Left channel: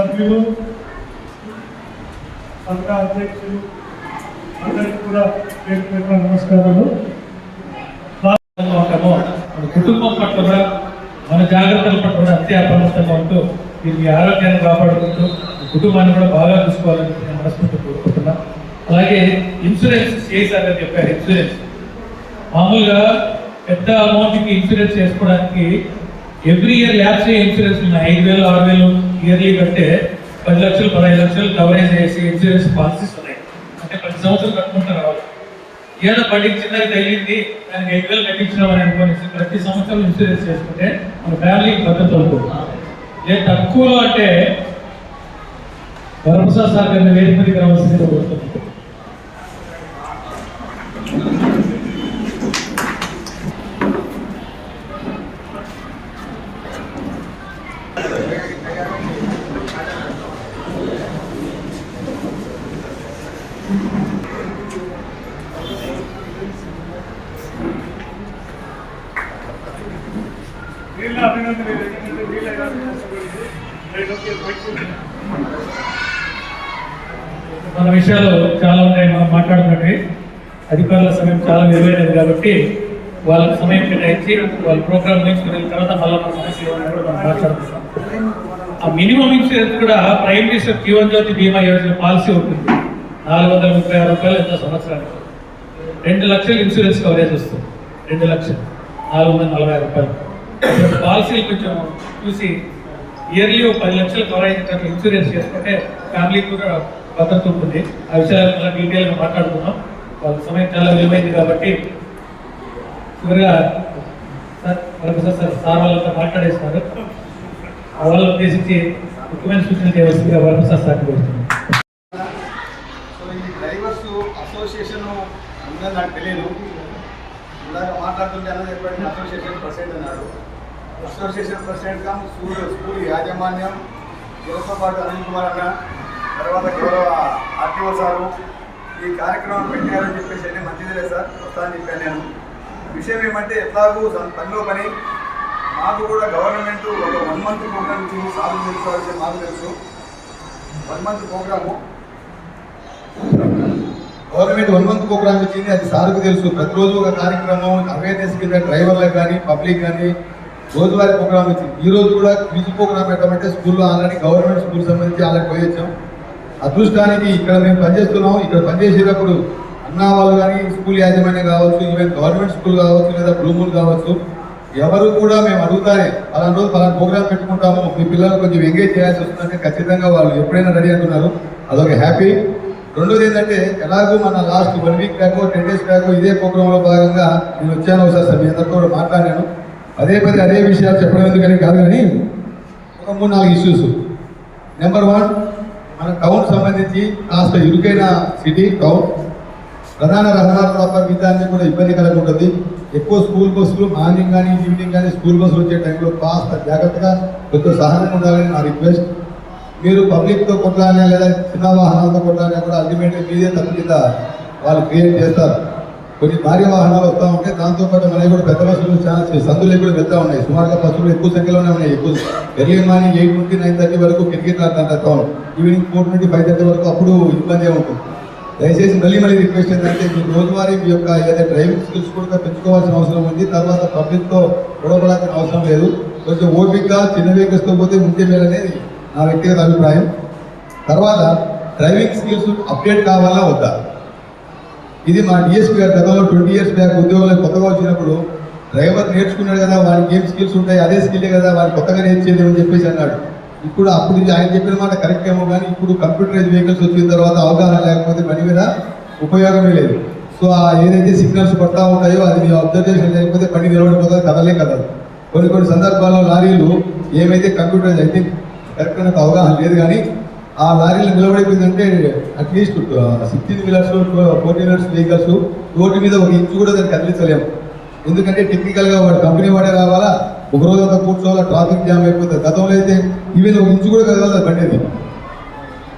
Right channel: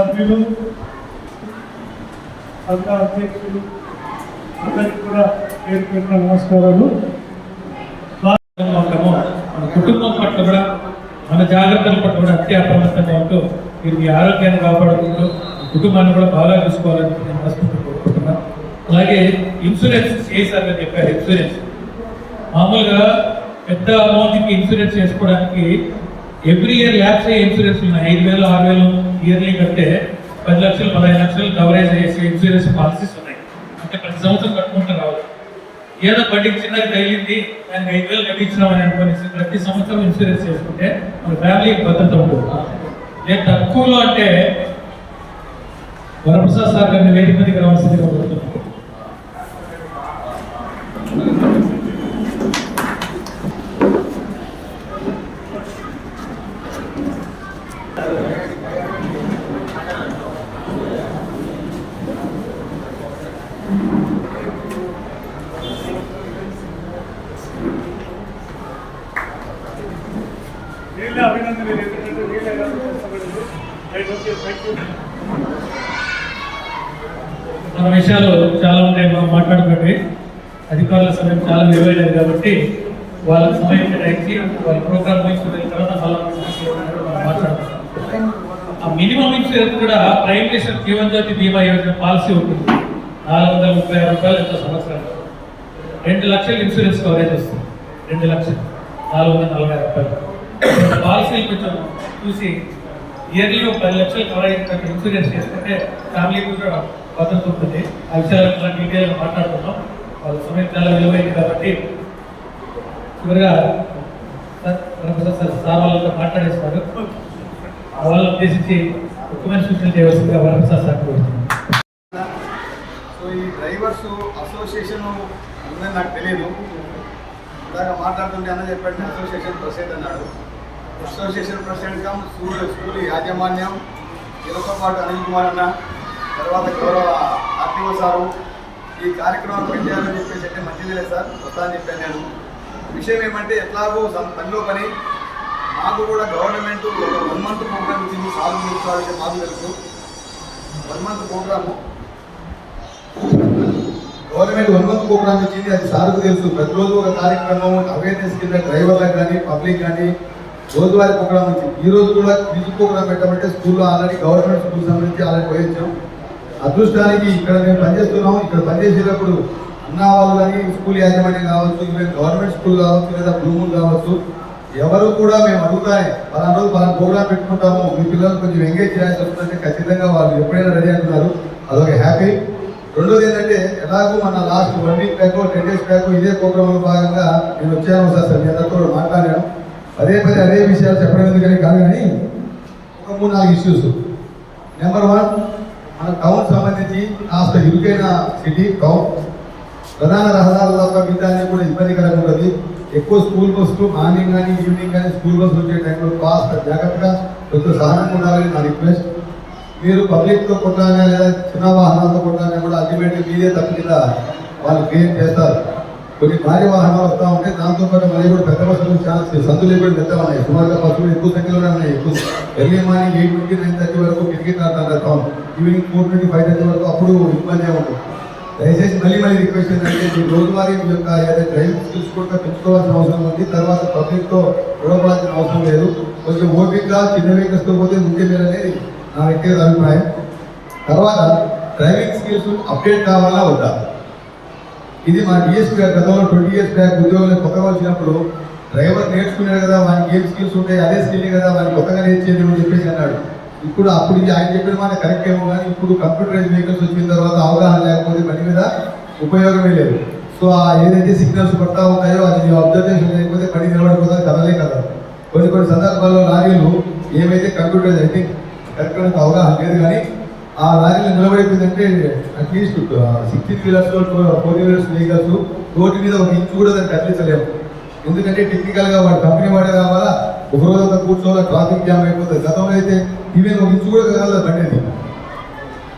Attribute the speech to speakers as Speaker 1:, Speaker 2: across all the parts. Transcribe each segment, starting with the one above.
Speaker 1: సభ్యులు సంఘ అధ్యక్షులు అందరికీ కూడా పేరు పేరున నమస్కారాలు.
Speaker 2: ఉంటామో. మన కుటుంబం పట్ల కూడా మన జాగ్రత్తల పట్ల కూడా అతి అప్రమత్తంగా ఉంటూ దీన్ని ఆరోగ్యాన్ని కాపాడుకుంటూ కుటుంబాన్ని కూడా బాగా చూసుకోవాలని నేను మనస్ఫూర్తి కోరుకుంటున్నా. అలాగే ఇన్సూరెన్స్ చేశారని చెప్పారు ఇన్సూరెన్స్. మామూలుగా పెద్ద అమౌంట్కి ఇన్సూరెన్స్ చేసుకోవడానికి ఎవ్రీ ఇయర్ ల్యాబ్స్ ఇన్సూరెన్స్ ఉన్నాయి. ఐదు వేలు ఆరు వేలు ఇయర్లీ కంటే పది లక్షలు పదహైదు లక్షలు కవరేజ్ చేసి ఇన్సూరెన్స్ పాలసీస్ ఉన్నాయి. అంటే ప్రతి సంవత్సరం కట్టుకుంటూ రావాలి ఏదో బండికి చిన్నగా తగిలింది దానికి ఐదు వేలు కట్టించినామని అనుకోని ప్రతి సంవత్సరం ఇన్సూరెన్స్ చేసుకుంటే మన ఫ్యామిలీకి భద్రత ఉంటుంది. లేదు తక్కువలో అంటే వరప్రసాద్ సార్ గారిని వేదిక మీదకి రావాల్సింది కోరుతున్నాను
Speaker 1: వీళ్ళ అభినందనలు ఎందుకంటే వీళ్ళ ఎలాంటి కష్టపడింది రైట్ ఓకే థ్యాంక్ యూ
Speaker 2: మన విషయాలు చాలా ఉన్నాయి మనం మాట్లాడుకుంటే. అధికారుల సమయం చాలా విలువైనది కాబట్టి వాళ్ళకి సమయం కేటాయించి వాళ్ళ ప్రోగ్రామ్ తీసుకున్న తర్వాత మళ్ళీ మన ఆ మినిమం ఇన్సూరెన్స్ కూడా prime minister Jeevan Jyoti Bima Yojana policy ఉంటుంది. నాలుగు వందల ముప్పై ఆరు రూపాయలు ఎంతో సంవత్సరానికి. రెండు లక్షలు ఇన్సూరెన్స్ కవరేజ్ వస్తుంది. రెండు లక్షలు. నాలుగు వందల నలభై ఆరు రూపాయలు. పాలసీలు కొంచెం చూసి ఇయర్లీ పది లక్షలు కవర్ అయినట్టు ఇన్సూరెన్స్ చేసుకుంటే ఫ్యామిలీ కూడా భద్రత ఉంటుంది. ఆ విషయాలు చాలా డీటెయిల్గా మాట్లాడుతున్నాం వాళ్ళ సమయం చాలా విలువైంది కాబట్టి చివరిగా సార్ ప్రొఫెసర్ సార్ సార్ వాళ్ళతో మాట్లాడేస్తారు. ఆ వాళ్ళు ఉద్దేశించి ముఖ్యమైన సూచనలు చేయవలసిందిగా ప్రొఫెసర్ సార్ కోరుతున్నాను.
Speaker 3: సో ఈ డ్రైవర్స్ అసోసియేషన్ ఉందని నాకు తెలియదు ఇందాక మాట్లాడుతుంటే అన్న చెప్పండి అసోసియేషన్ ప్రెసిడెంట్ అన్నాడు. Association president come school school యాజమాన్యం వీళ్ళతో పాటు అనిల్ కుమార్ అన్న తర్వాత గౌరవ ఆర్టీఓ సారు ఈ కార్యక్రమం పెట్టారని చెప్పేసి అంటే మంచిదిలే సార్ వస్తా అని చెప్పాను నేను. విషయం ఏమంటే ఎట్లాగో పనిలో పని. మాకు కూడా గవర్నమెంట్ ఒక వన్ మంత్ ప్రోగ్రామ్ ఇచ్చింది సాగు చేసుకోవాల్సి మాకు తెలుసు. One month program. Government one month program ఇచ్చింది అది సార్కు తెలుసు. ప్రతిరోజు ఒక కార్యక్రమం అవేర్నెస్ కింద డ్రైవర్లకు కానీ పబ్లిక్ కానీ రోజువారీ ప్రోగ్రామ్ ఇచ్చింది ఈ రోజు కూడా క్విజ్ ప్రోగ్రామ్ పెట్టమంటే స్కూల్లో ఆల్రెడీ గవర్నమెంట్ స్కూల్ సంబంధించి ఆల్రెడీ పోయొచ్చాం అదృష్టానికి ఇక్కడ మేము పనిచేస్తున్నాం. ఇక్కడ పనిచేసేటప్పుడు అన్న వాళ్ళు కానీ స్కూల్ యాజమాన్యం కావచ్చు ఈవెన్ గవర్నమెంట్ స్కూల్ కావచ్చు లేదా బ్రూములు కావచ్చు ఎవరు కూడా మేము అడుగుతానే పలానా రోజు పలానా ప్రోగ్రామ్ పెట్టుకుంటాము మీ పిల్లలు కొంచెం ఎంగేజ్ చేయాల్సి వస్తుందంటే ఖచ్చితంగా వాళ్ళు ఎప్పుడైనా రెడీ అంటున్నారు. అదొక హ్యాపీ. రెండోది ఏంటంటే ఎలాగో మన last one week back ten days back ఇదే ప్రోగ్రాంలో భాగంగా నేను వచ్చాను ఒకసారి సార్ మీ అందరితో కూడా మాట్లాడాను. అదే పది అదే విషయాలు చెప్పడం ఎందుకని కాదు కానీ ఒక మూడు నాలుగు ఇష్యూస్ నెంబర్ వన్ మన టౌన్ సంబంధించి కాస్త ఇరుకైన సిటీ టౌన్ ప్రధాన రహదారుల తప్ప మిగతాన్ని కూడా ఇబ్బంది కలగకూడదు. ఎక్కువ స్కూల్ బస్సులు మార్నింగ్ కానీ ఈవినింగ్ కానీ స్కూల్ బస్సులు వచ్చే టైంలో కాస్త జాగ్రత్తగా కొంచెం సహనం ఉండాలని నా రిక్వెస్ట్ మీరు పబ్లిక్తో కొట్టాలన్నా లేదా చిన్న వాహనాలతో కొట్టాలన్నా కూడా అల్టిమేట్గా మీదే తప్పు కింద వాళ్ళు క్రియేట్ చేస్తారు. కొన్ని భారీ వాహనాలు వస్తూ ఉంటాయి దాంతోపాటు మళ్ళీ కూడా పెద్ద బస్సులు చాలా సందులు కూడా పెద్ద ఉన్నాయి. సుమారుగా బస్సులు ఎక్కువ సంఖ్యలోనే ఉన్నాయి. ఎక్కువ ఎర్లీ మార్నింగ్ ఎయిట్ నుండి నైన్ థర్టీ వరకు క్రికెట్ ఆడుతుంటారు ఈవినింగ్ ఫోర్ నుండి ఫైవ్ థర్టీ వరకు అప్పుడు ఇబ్బంది ఉంటుంది దయచేసి మళ్ళీ మళ్ళీ రిక్వెస్ట్ ఏంటంటే మీ రోజువారీ మీ యొక్క ఏదైతే డ్రైవింగ్ స్కిల్స్ కూడా పెంచుకోవాల్సిన అవసరం ఉంది. తర్వాత పబ్లిక్తో గొడవపడాల్సిన అవసరం లేదు. కొంచెం ఓపికగా చిన్న వెహికల్స్తో పోతే ముందే మేలనేది నా వ్యక్తిగత అభిప్రాయం. తర్వాత డ్రైవింగ్ స్కిల్స్ అప్డేట్ కావాలా వద్దా? ఇది మా డిఎస్పీ గారు గతంలో ట్వంటీ ఇయర్స్ బ్యాక్ ఉద్యోగంలో కొత్తగా వచ్చినప్పుడు డ్రైవర్ నేర్చుకున్నాడు కదా వానికి ఏం స్కిల్స్ ఉంటాయి అదే స్కిల్ కదా వాడిని కొత్తగా నేర్చేది అని చెప్పేసి అన్నాడు. ఇప్పుడు అప్పుడు ఆయన చెప్పిన మాట కరెక్ట్ ఏమో కానీ ఇప్పుడు కంప్యూటరైజ్ వెహికల్స్ వచ్చిన తర్వాత అవగాహన లేకపోతే పని మీద ఉపయోగమే లేదు. సో ఆ ఏదైతే సిగ్నల్స్ పడతా ఉంటాయో అది మీ అబ్జర్వేషన్ లేకపోతే పని నిలబడిపోతుంది కదలే కదా. కొన్ని కొన్ని సందర్భాల్లో లారీలు ఏమైతే కంప్యూటరైజ్ అయితే కరెక్ట్ అవగాహన లేదు కానీ ఆ లారీలు నిలబడిపోయిందంటే at least sixteen wheelers four wheelers vehicles road మీద ఒక ఇంచు కూడా దాన్ని కదిలించలేము. ఎందుకంటే టెక్నికల్గా వాడి కంపెనీ వాడే రావాలా ఒక రోజు అంతా కూర్చోవాలా ట్రాఫిక్ జామ్ అయిపోతుంది. గతంలో అయితే ఈవెన్ ఒక ఇంచు కూడా కదలదు బండి అది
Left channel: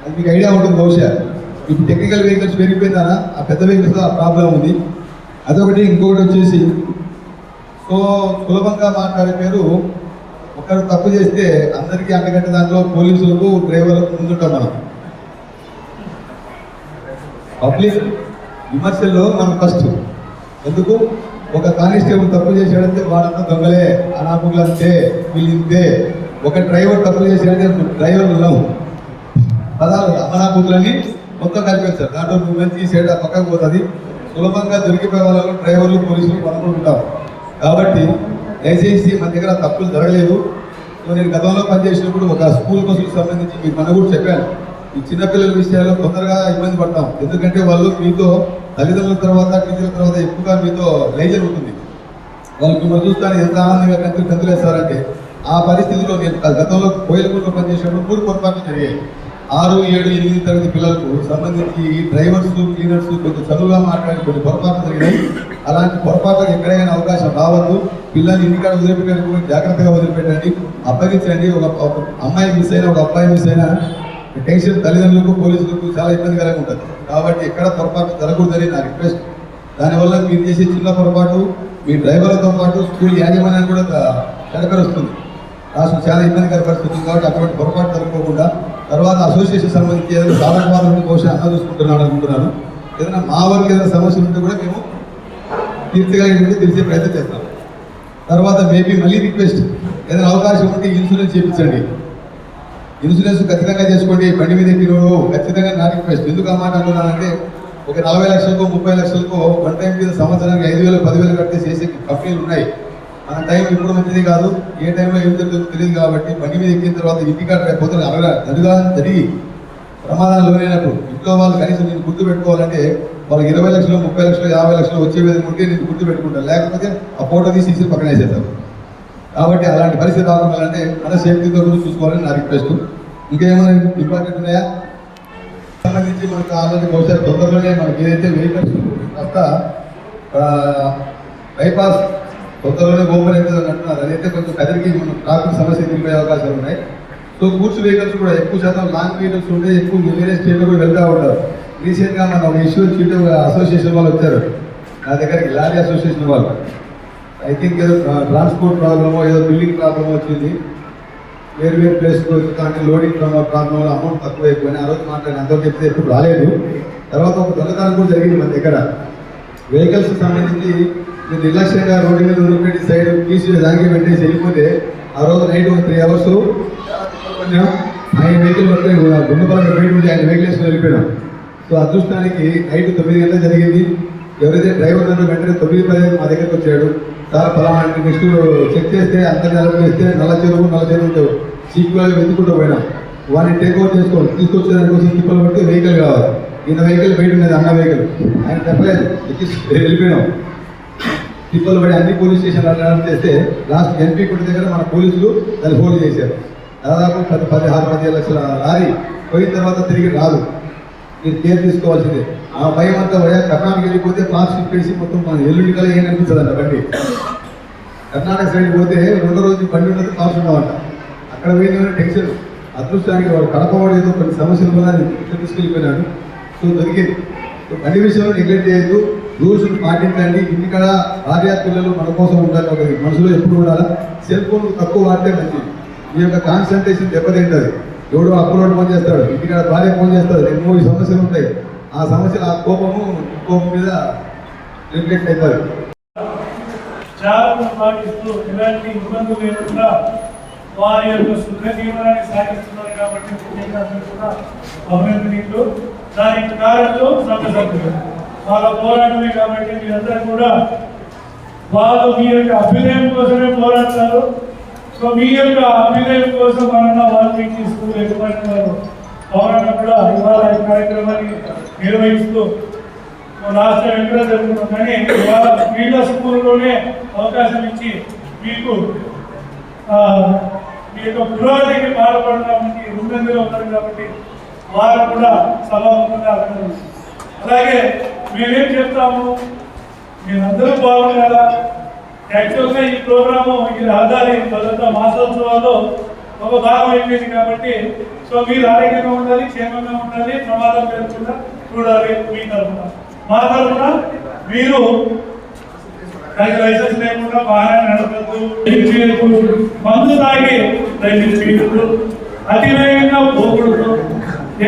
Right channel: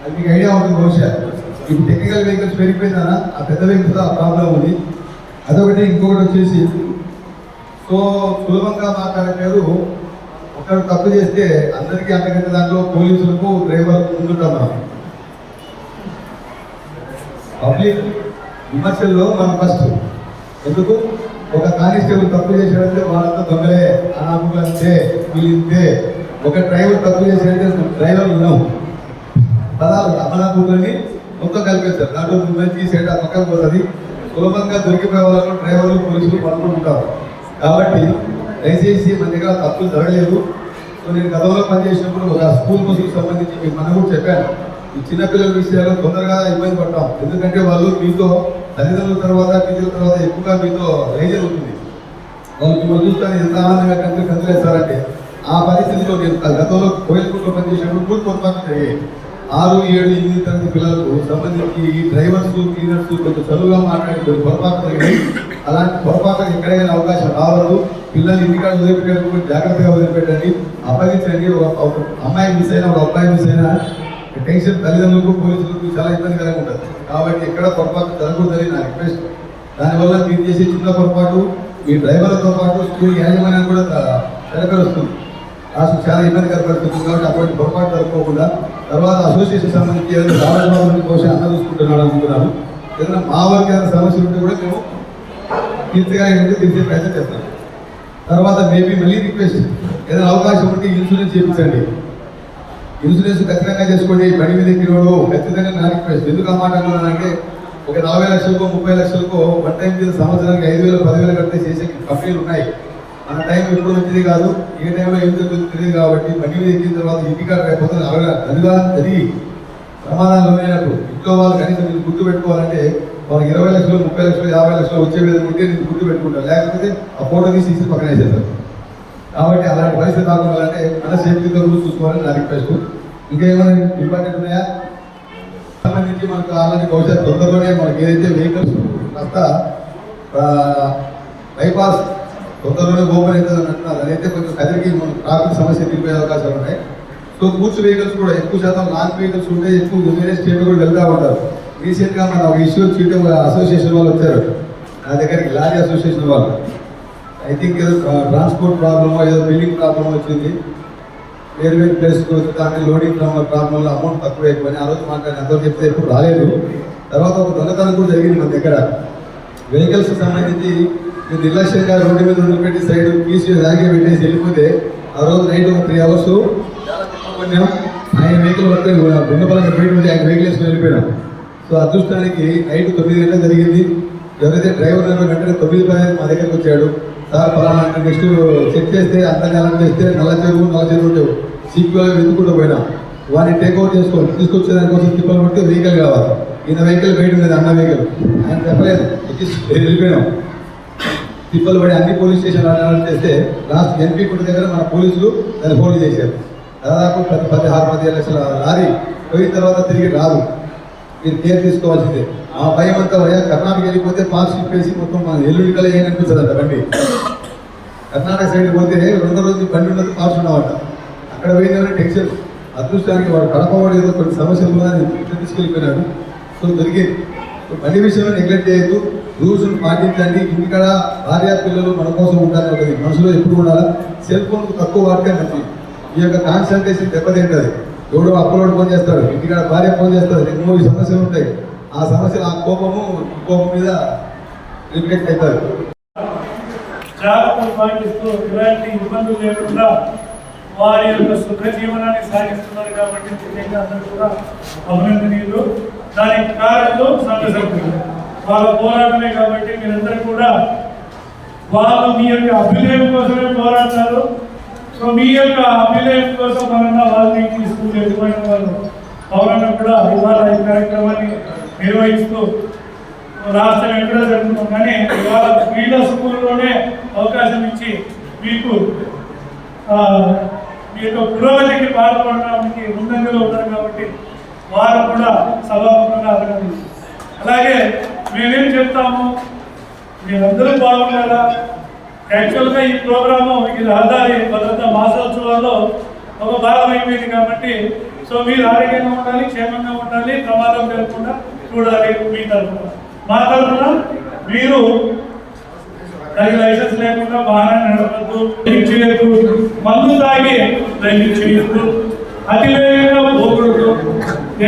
Speaker 3: అది మీకు ఐడియా ఉంటుంది బహుశా. ఇప్పుడు టెక్నికల్ వెహికల్స్ పెరిగిపోయిందా ఆ పెద్ద వెహికల్స్ ఆ ప్రాబ్లం ఉంది. అదొకటి ఇంకొకటి వచ్చేసి సో సులభంగా మాట్లాడే పేరు తప్పు చేస్తే అందరికీ అందుకంటే దాంట్లో పోలీసులకు డ్రైవర్లకు ముందుంటాం మనం. పబ్లిక్ విమర్శల్లో మనం ఫస్ట్ ఎందుకు? ఒక కానిస్టేబుల్ తప్పు చేసాడంటే వాళ్ళంతా దొంగలే అనామకులు అంతే వీళ్ళు ఇంతే ఒక డ్రైవర్ తప్పు చేసాడంటే డ్రైవర్ ఉన్నావు. పదాలు అమలాపూర్లని మొత్తం కలిపేస్తారు. దాంట్లో నువ్వు మంచి సైడ్ పక్కకు పోతుంది. సులభంగా దొరికిపోయే వాళ్ళలో డ్రైవర్లు పోలీసులు పనుకుంటాం కాబట్టి దయచేసి మన దగ్గర తప్పులు జరగలేదు. సో నేను గతంలో పనిచేసినప్పుడు ఒక స్కూల్ బస్సుకు సంబంధించి మీకు మన కూడా చెప్పాను. ఈ చిన్నపిల్లల విషయాలు తొందరగా ఇబ్బంది పడతాం. ఎందుకంటే వాళ్ళు మీతో తల్లిదండ్రుల తర్వాత టీచర్ల తర్వాత ఎక్కువగా మీతో లేజర్ ఉంటుంది. వాళ్ళు మిమ్మల్ని చూస్తాను ఎంత ఆనందంగా కంతులు కంతులేస్తారంటే ఆ పరిస్థితిలో నేను గతంలో కోయిల్పూర్లో పనిచేసినప్పుడు మూడు పొరపాట్లు జరిగాయి. ఆరు ఏడు ఎనిమిది తరగతి పిల్లలకు సంబంధించి ఈ డ్రైవర్స్ క్లీనర్స్ కొంచెం చదువుగా మాట్లాడి కొన్ని పొరపాట్లు జరిగినాయి. అలాంటి పొరపాట్లకు ఎక్కడైనా అవకాశం రావద్దు. పిల్లల్ని ఇంటికాడ వదిలిపెట్టారు జాగ్రత్తగా వదిలిపెట్టండి. అప్పగించండి. ఒక ఒక అమ్మాయి మిస్ అయినా ఒక అబ్బాయి మిస్ అయినా టెన్షన్ తల్లిదండ్రులకు పోలీసులకు చాలా ఇబ్బందికరంగా ఉంటుంది. కాబట్టి ఎక్కడ పొరపాటు జరగకూడదని నా రిక్వెస్ట్. దానివల్ల మీరు చేసే చిన్న పొరపాటు మీ డ్రైవర్లతో పాటు స్కూల్ యాజమాన్యాన్ని కూడా తడకలు వస్తుంది. రాష్ట్రం చాలా ఇబ్బందికర పరిస్థితి కాబట్టి అటువంటి పొరపాటు జరగకుండా తర్వాత అసోసియేషన్ సంబంధించి ఏదైనా సామాజిక బహుశా అందరూ చూసుకుంటున్నాను అనుకుంటున్నాను. ఏదైనా మా వారికి ఏదైనా సమస్యలు ఉంటే కూడా మేము పూర్తిగా ఉంటే తెలిసే ప్రయత్నం చేస్తాం. తర్వాత మేబీ మళ్ళీ రిక్వెస్ట్ ఏదైనా అవకాశం ఉంటే ఇన్సూరెన్స్ చేయించండి. ఇన్సూరెన్స్ ఖచ్చితంగా చేసుకోండి. బండి మీద ఎక్కినోడు ఖచ్చితంగా నా రిక్వెస్ట్. ఎందుకు ఆ ఒక నలభై లక్షలకు ముప్పై లక్షలకో వన్ టైం మీద సంవత్సరానికి ఐదు వేలు పదివేలు కడితే చేసే కంపెనీలు ఉన్నాయి. మన టైం ఇప్పుడు మంచిది కాదు. ఏ టైంలో ఏం జరుగుతుందో తెలియదు కాబట్టి బండి మీద ఎక్కిన తర్వాత ఇంటికాడ రేపు పొద్దున అరగా తల్లిదానం జరిగి ప్రమాదాలు లోనైనప్పుడు ఇంట్లో వాళ్ళు కనీసం మీరు గుర్తు పెట్టుకోవాలంటే వాళ్ళకి ఇరవై లక్షలు ముప్పై లక్షలు యాభై లక్షలు వచ్చే విధంగా ఉంటే నేను గుర్తు పెట్టుకుంటాను. లేకపోతే ఆ ఫోటో తీసి తీసి పక్కన వేసేస్తారు. కాబట్టి అలాంటి పరిస్థితి రాకుండా అంటే మన సేఫ్టీతో గురించి చూసుకోవాలని నా రిక్వెస్ట్ ఇంకేమైనా ఇంపార్టెంట్ ఉన్నాయా? సంబంధించి మనకు ఆల్రెడీ బహుశా తొందరలోనే మనకి ఏదైతే వెహికల్స్ కాస్త బైపాస్ తొందరలోనే ఓపెన్ అవుతుంది అంటున్నారు. అదైతే కొంచెం కదిరికి మనం ట్రాఫిక్ సమస్య ఎదుర్కొనే అవకాశాలు ఉన్నాయి. సో గూడ్స్ వెహికల్స్ కూడా ఎక్కువ శాతం లాంగ్ వెహికల్స్ ఉంటే ఎక్కువ వేరే స్టేట్ కూడా వెళ్తూ ఉంటారు. రీసెంట్గా మన ఒక ఇష్యూ చీట అసోసియేషన్ వాళ్ళు వచ్చారు. నా దగ్గరికి లారీ అసోసియేషన్ వాళ్ళు. ఐ థింక్ ఏదో ట్రాన్స్పోర్ట్ ప్రాబ్లమో ఏదో బిల్డింగ్ ప్రాబ్లమ్ వచ్చింది. వేరు వేరు ప్లేస్కి వచ్చి దానికి లోడింగ్ ప్రాబ్లం ప్రాబ్లమ్ అమౌంట్ తక్కువ అయిపోయింది ఆ రోజు మాట్లాడిన అందరూ చెప్తే ఎప్పుడు రాలేదు. తర్వాత ఒక దొంగతనం కూడా జరిగింది మన దగ్గర. వెహికల్స్ సంబంధించి మీరు నిర్లక్ష్యంగా రోడ్డు మీద ఉండిపెట్టి సైడ్ తీసి దాగి పెట్టేసి వెళ్ళిపోతే ఆ రోజు నైట్ ఒక త్రీ అవర్స్ కొన్నాం ఆయన వెహికల్ పట్టుకొని గుండపలంగా ఆయన వెహికల్ వేసుకుని వెళ్ళిపోయాం సో అదృష్టానికి నైట్ తొమ్మిది గంటలకు జరిగింది. ఎవరైతే డ్రైవర్ ఉన్నారో వెంటనే తొమ్మిది పది మా దగ్గరకు వచ్చాడు. సార్ ఫలానా నెక్స్ట్ చెక్ చేస్తే అంతర్జాలం చేస్తే నల్ల చెరువు నల్ల చెరువు ఉంటావు సీక్వెల్ వెతుకుంటూ పోయినాం. వాడిని టేక్ ఓవర్ తీసుకొచ్చే తీసుకొచ్చేదానికోసం తిప్పలు పెట్టి వెహికల్ కావాలి. ఈయన వెహికల్ బయట ఉన్నది అన్న వెహికల్ ఆయన చెప్పలేదు. వెళ్ళిపోయినాం. తిప్పలు పడి అన్ని పోలీస్ స్టేషన్లు అటెండ్ చేస్తే లాస్ట్ ఎంపీ కొట్టి దగ్గర మన పోలీసులు దాన్ని ఫోన్ చేశారు. దాదాపు పది పదిహారు పదిహేను లక్షల లారీ పోయిన తర్వాత తిరిగి రాదు. మీరు కేర్ తీసుకోవాల్సిందే. ఆ భయం అంతా కర్ణాటక వెళ్ళిపోతే పాస్ ఇప్పేసి మొత్తం మన ఎల్లుండి కల ఏం అనిపిస్తుంది అంట బండి. కర్ణాటక సైడ్ పోతే రోజు రోజు బండి ఉండదు పాస్ ఉన్నవాట. అక్కడ పోయిందని టెన్షన్? అదృష్టానికి వాడు కడపవాడు ఏదో కొన్ని సమస్యలు ఉన్నాయి ఇట్లా తీసుకెళ్ళిపోయినాడు. సో దొరికింది. సో బండి విషయంలో నెగ్లెక్ట్ చేయొద్దు. రూల్స్ పాటించండి. ఇంటికాడ భార్య పిల్లలు మన కోసం ఉండాలి ఒకటి. మనసులో ఎప్పుడు ఉండాలి? సెల్ ఫోన్ తక్కువ వాడితే మంచిది. ఈ యొక్క కాన్సన్ట్రేషన్ దెబ్బతింటుంది. ఎవడో అప్పులోడు ఫోన్ చేస్తాడు. ఇంటికాడ భార్య ఫోన్ చేస్తాడు. రెండు మూడు సమస్యలు ఉంటాయి. ఆ సమస్యలు ఆ కోపము కోపం మీద రిఫ్లెక్ట్ అవుతారు
Speaker 1: చాలా పాటిస్తూ ఎలాంటి ఇబ్బందులు లేకుండా వారి యొక్క సుఖ జీవనాన్ని సాగిస్తున్నారు కాబట్టి ముఖ్యంగా అందరూ కూడా అభినందనీయులు. దానికి కారణం సంఘ సభ్యులు వాళ్ళ పోరాటమే కాబట్టి మీరందరూ కూడా వాళ్ళు మీ యొక్క అభ్యుదయం కోసమే పోరాడతారు సో మీ యొక్క అభ్యుదయం కోసం మనన్న వాళ్ళని స్కూల్ వారు పౌరులను కూడా ఇవాళ ఈ కార్యక్రమాన్ని నిర్వహిస్తూ రాష్ట్రం ఎక్కడ జరుగుతుంది కానీ ఇవాళ క్రీడా స్కూల్లోనే అవకాశం ఇచ్చి మీకు మీ యొక్క పురోగతికి పాల్పడడానికి ముందంజలో ఉన్నారు కాబట్టి వారు కూడా సభాముఖంగా అడగదు అలాగే మేమేం చెప్తాము? మీరందరూ బాగుండాలా యాక్చువల్గా ఈ ప్రోగ్రాము ఈ రహదారి భద్రత మాసోత్సవంలో ఒక భాగం అయిపోయింది కాబట్టి సో మీరు ఆరోగ్యంగా ఉండాలి క్షేమంగా ఉండాలి ప్రమాదం జరగకుండా చూడాలి మీ తరఫున. మా తరఫున మీరు దానికి లైసెన్స్ లేకుండా వాహనం నడపద్దు డ్రైవింగ్ మందు తాగి డ్రైవింగ్ చేయొద్దు అతి వేగంగా పోకూడదు.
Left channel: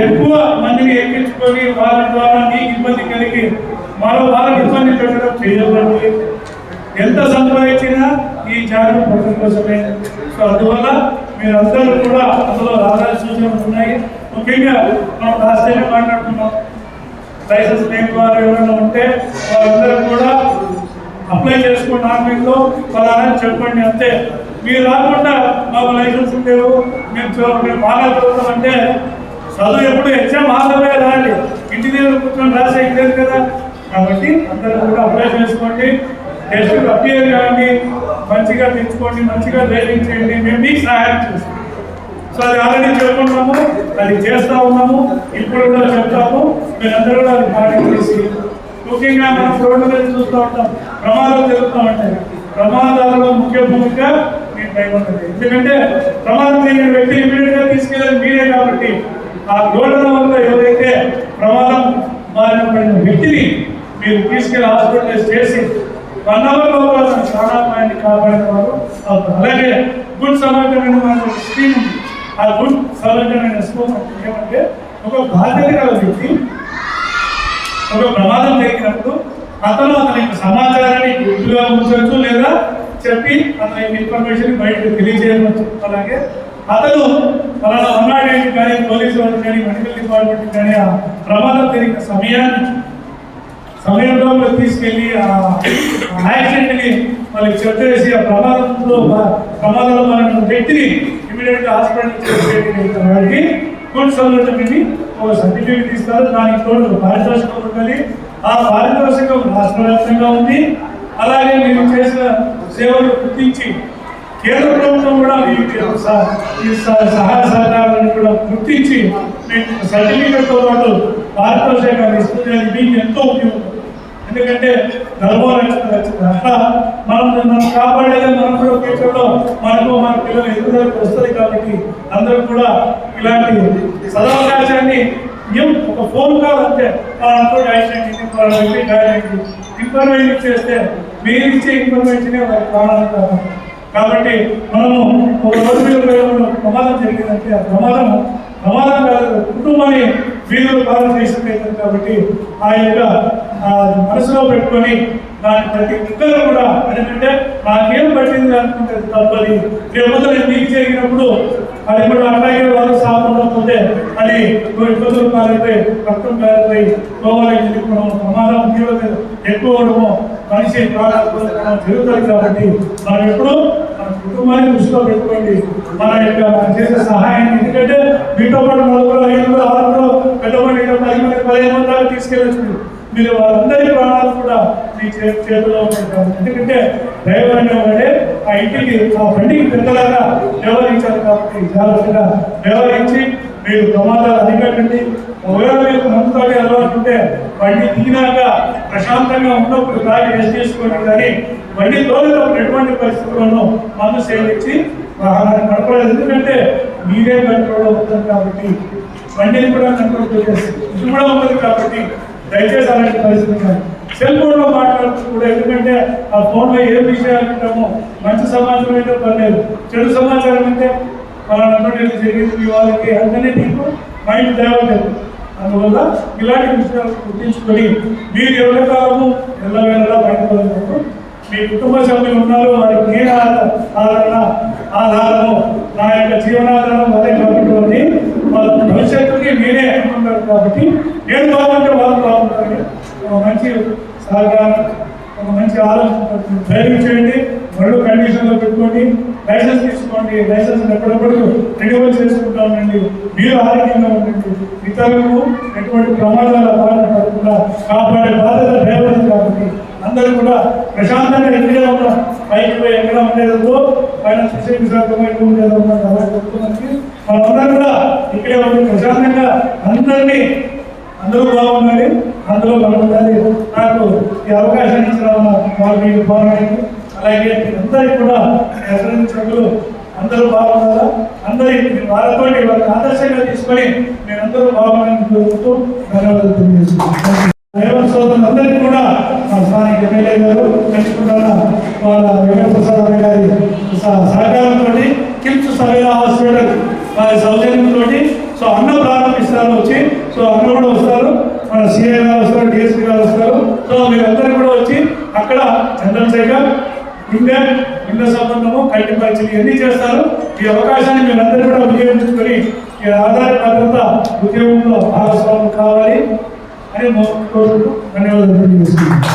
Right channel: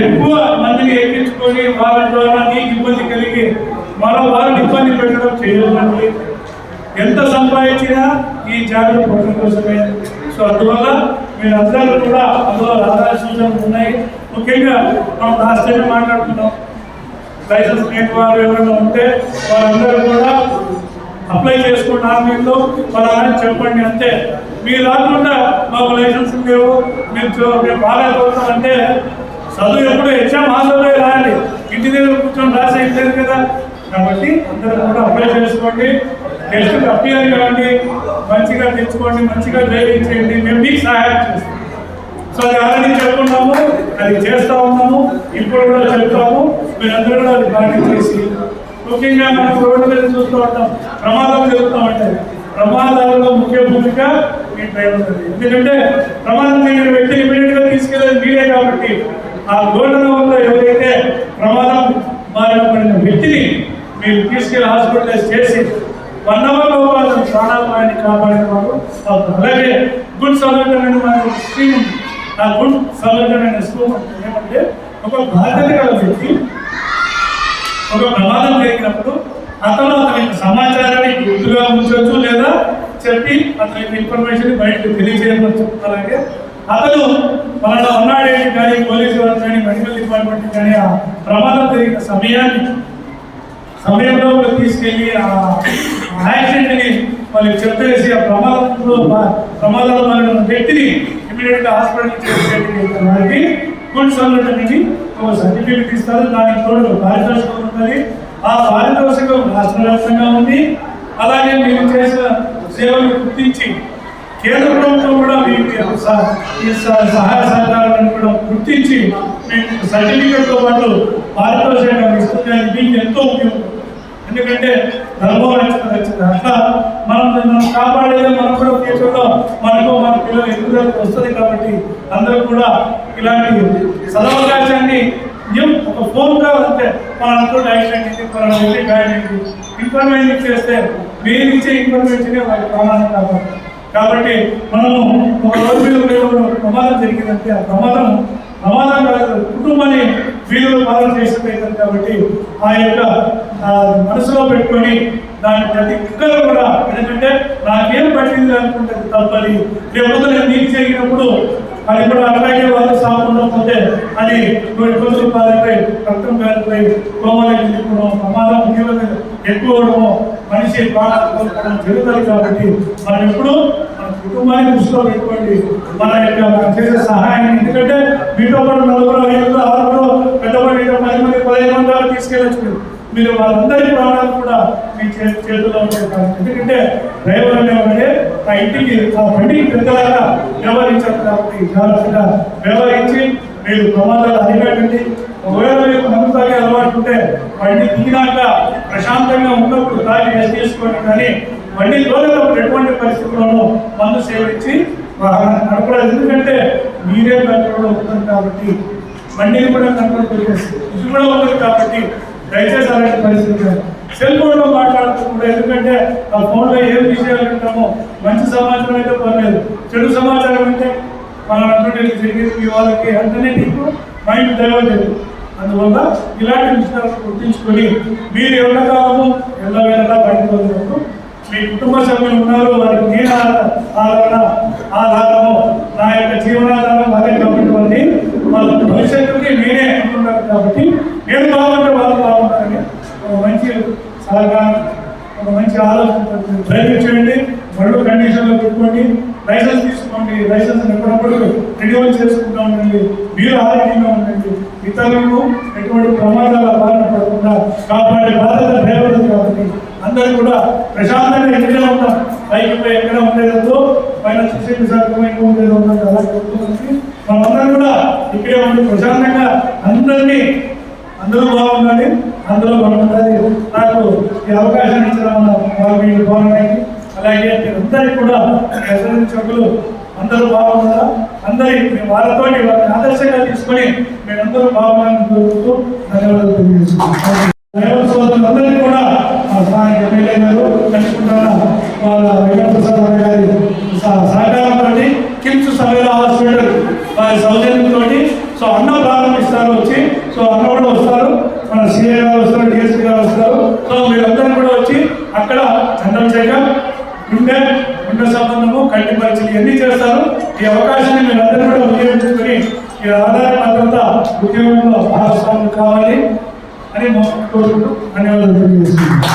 Speaker 1: ఎక్కువ మందిని ఎక్కించుకొని వాళ్ళ ద్వారా నీకు ఇబ్బంది కలిగి మరో వాళ్ళని ఇబ్బంది పెట్టడం చేయొద్దండి. ఎంత సంపాదించినా ఈ జాగ్రత్త పడడం కోసమే. సో అందువల్ల మీరు అందరూ కూడా అందులో రావాల్సిన సూచనలు ఉన్నాయి. ముఖ్యంగా మనం లాస్ట్ టైం మాట్లాడుకున్నాం. లైసెన్స్ లేని వారు ఎవరైనా ఉంటే వాళ్ళందరూ కూడా అప్లై చేసుకోండి ఆన్లైన్లో. ఫలానా చెప్పండి అంతే. మీరు రాకుండా మాకు లైసెన్స్ లేవు. మేము చూ- మేము బాగా చదువుతాం అంటే చదువు ఎప్పుడు ఎగ్జామ్ హాల్లో రాయాలి. ఇంటి దగ్గర కూర్చొని రాసే లేదు కదా. కాబట్టి అందరూ కూడా అప్లై చేసుకోండి. గెస్టులు అపియర్ కాండి మంచిగా తెచ్చుకోండి మంచిగా డ్రైవింగ్ చేయండి మేము మీకు సహాయం చేస్తాం. సో అది ఆల్రెడీ చెప్పుకున్నాము అది చేస్తూ ఉన్నాము ఇప్పుడు కూడా చెప్తాము మీరందరూ కూడా అది పాటించేసి. ముఖ్యంగా మనం రోడ్డు మీద చూస్తూ ఉంటాం ప్రమాదాలు జరుగుతూ ఉంటాయి. ప్రమాదాలలో ముఖ్య భూమిక మీ డ్రైవర్ ఎందుకంటే ప్రమాదం జరిగిన వ్యక్తిని ఇమీడియట్గా తీసుకెళ్ళేది మీరే కాబట్టి ఆ ఘటన వల్ల ఎవరైతే ప్రమాదం బారిన పడిన వ్యక్తిని మీరు తీసుకెళ్ళి హాస్పిటలైజ్ చేసి వన్ అవర్ లోపల అతను ప్రాణాపాయాన్ని కాపాడిన వారు అవుతారు. అలాగే గుడ్ సమర్థమైన మనకు ఒక స్కీమ్ ఉంది. ఆ గుడ్ సమర్థమైన స్కీమ్ అంటే ఏమంటే ఒక బాధ్యత గల వ్యక్తి ఒక ప్రమాదం జరిగినప్పుడు అతను అతని యొక్క సమాచారాన్ని గుర్తుగా ఉంచవచ్చు లేదా చెప్పి అతని యొక్క ఇన్ఫర్మేషన్ బయటకు తెలియజేయవచ్చు. అలాగే అతను పలానా వన్ ఏంటి కానీ పోలీసు వారికి కానీ మెడికల్ డిపార్ట్మెంట్ కానీ ఆ ప్రమాదం జరిగిన సమయాన్ని సమయంలో తీసుకెళ్ళి ఆ యాక్సిడెంట్ని వాళ్ళకి చెప్పేసి ఆ ప్రమాదంలో ప్రమాదంలో మన వ్యక్తిని ఇమీడియట్గా హాస్పిటల్ నుంచి వాళ్ళకి గుడ్ సర్టిఫికెట్ ఒక సర్టిఫికెట్ ఇస్తారు దానికి తోడు పారితోషికం ఉంటుంది. ఆ పారితోషికం రాష్ట్ర వ్యాప్తంగా ఉంది. అలాగే మీరు చేసిన సేవలు గుర్తించి కేంద్ర ప్రభుత్వం కూడా మీకు సహ- ఈ సహాయ సహకారాలను కూడా గుర్తించి మీకు సర్టిఫికేట్తో పాటు పారితోషికాన్ని ఇస్తుంది మీకు ఎంతో ఉపయోగం. ఎందుకంటే నలభై లక్షల వచ్చింది అట్లా మనం మనం కాపాడేదే మనం కూడా ఫ్యూచర్లో మనకు మన పిల్లలు ఎదుగుదలకు వస్తుంది కాబట్టి అందరూ కూడా ఇలాంటి సదవకాశాన్ని ఏం ఒక ఫోన్ కాల్ అంతే పలానాతో యాక్సిడెంట్ అయింది పలానా వ్యక్తి ఇన్ఫర్మేషన్ ఇచ్చేస్తే మీరు ఇచ్చే ఇన్ఫర్మేషనే వాళ్ళ ప్రమాదం కాబట్టి కాబట్టి మనము ఒక రోడ్డు మీద పోయే ఒక ప్రమాదం జరిగిందంటే ఆ ప్రమాదం ప్రమాదం కాదు కుటుంబాన్ని వీధులు పాలన చేసినట్టు కాబట్టి ఆ యొక్క మనసులో పెట్టుకొని దాని ప్రతి ఒక్కరు కూడా ఎందుకంటే నాకేం పట్టింది అనుకుంటే తప్పది రేపొద్దు నేను నీకు జరిగినప్పుడు అది కూడా అట్లాగే వాళ్ళు సాకుండా పోతే అది నువ్వు ఇబ్బందులు కాలిపోయి రక్తం కాలిపోయి కోవాలకి వెళ్ళిపోవడం ప్రమాదం తీవ్రత ఎక్కువ మనిషి ప్రాణాలు కోల్పోవడం జరుగుతుంది కాబట్టి మనం ఎప్పుడు మన కుటుంబాన్ని దృష్టిలో పెట్టుకోండి. మన యొక్క మనం చేసే సహాయాన్ని ఎందుకంటే మీతో పాటు నలుగురు ఐదుగురు ఆరుగురు పెద్దవాళ్ళు ఇంకా పది మంది పదిహేను మంది దాకా తీసుకెళ్ళచ్చు మీరు. మీరు వాళ్ళందరి ప్రాణాలు కూడా మీ చే ఉంటాయి కాబట్టి. ఎందుకంటే డ్రైవర్ అనేవాడే ఆ ఇంటికి ఆ బండికి పెద్దలాగా వ్యవహరించారు కాబట్టి జాగ్రత్తగా వ్యవహరించి మీరు ప్రమాదాలు అరికట్టండి. ఒకవేళ మీకు మందు తాగే అలవాటు ఉంటే బండి దిగినాక ప్రశాంతంగా ఉన్నప్పుడు తాగి రెస్ట్ చేసుకోండి. కానీ బండి తోలేటప్పుడు ఎటువంటి పరిస్థితుల్లోనూ మందు సేవించి వాహనాన్ని నడపరాదు. ఎందుకంటే మీరే కంట్రోల్లో ఉంటుంది కాబట్టి బండిని కూడా కంట్రోల్ చేసి ఇది కూడా ఉంటుంది కాబట్టి దయచేసి అలాంటి పరిస్థితి కాదు. సెల్ ఫోన్లో మాట్లాడటం కూడా ఎందుకంటే ఆ ఫోన్లో ఏం విషయాలు వింటామో మంచి సమాచారం అయితే పర్లేదు. చెడు సమాచారం అంటే పలానా ఇది జరిగింది మీ వాళ్ళకి అంతనే నీకు మైండ్ డైవర్ట్ లేదు అందువల్ల ఇలాంటి విషయాలను గుర్తించుకొని మీరు ఎల్లకాలము ఎల్లవేళలా బయటకు మీ కుటుంబ సభ్యులు ఉన్నారు వారికి ఏ ఆధార ఆదరణ ఆధారము నా యొక్క జీవనాధారం అదే కాబట్టి వాళ్ళ భవిష్యత్తుకి నేనే అనుకుంటారు కాబట్టి నేను బాగుంటే వాళ్ళు బాగుంటారని ఒక మంచి సహకారం ఒక మంచి ఆలోచన డ్రైవింగ్ చేయండి మళ్ళీ కండిషన్లో పెట్టుకోండి లైసెన్స్ తీసుకోండి లైసెన్స్ ఎప్పుడప్పుడు రెన్యువల్ చేసుకుంటా ఉండండి మీరు ఆరోగ్యంగా ఉండండి. ఇతరులను ఎటువంటి ప్రమాదాల బారిన పడకుండా కాపాడే బాధ్యత డ్రైవర్ కాబట్టి అందరూ కూడా ప్రశాంతంగా ఎక్కడ ఉన్నాం పైకి పోయి ఎక్కడ ఉండేదో పైన శిక్షణ విశాఖ ఎక్కువ ఉండేదో ఉన్నది అలా చెప్తున్నానికి మనమందరం కూడా ఇక్కడే ఉండి ప్రశాంతంగా అందరినీ అందరూ బాగుండాలి అందరూ బాగుండాలి. నాకు ఈ అవకాశాన్ని ఇచ్చిన వాళ్ళకి గౌరవానికి అలాగే మీరందరికీ కూడా ఎస్ఎన్ అందరూ బాగున్నారా? అందరి వాళ్ళతో వాళ్ళని ఆదర్శంగా తీసుకొని మీరందరూ బాగున్నారని కోరుకుంటూ ధన్యవాదాలు తెలియజేస్తున్నాను. రేవంత్ సోదరులందరికీ కూడా మా స్థానిక ఎమ్మెల్యే గారు కలుసుకుంటాన వాళ్ళ వెంకటప్రసాద్ గారి సహకారంతో కిమ్స్ సర్వేల హాస్పిటల్ వారి సౌజన్యంతో సో అన్నం ప్రారంభిస్తారు వచ్చి. సో అన్నం కూడా వస్తారు. మన సిఏ గారు వస్తారు డిఎస్పీ గారు వస్తారు. సో మీరందరూ కూడా వచ్చి అక్కడ జనరల్ చెకప్ గుండె గుండె సంబంధము కంటి పరీక్షలు ఇవన్నీ చేస్తారు. ఈ అవకాశాన్ని మీరందరూ కూడా ఉపయోగించుకొని ఈ ఆధార భద్రత ఉద్యోగంలో భాగస్వాములు కావాలి అని కోరుకుంటూ ధన్యవాదాలు తెలియజేస్తున్నాను.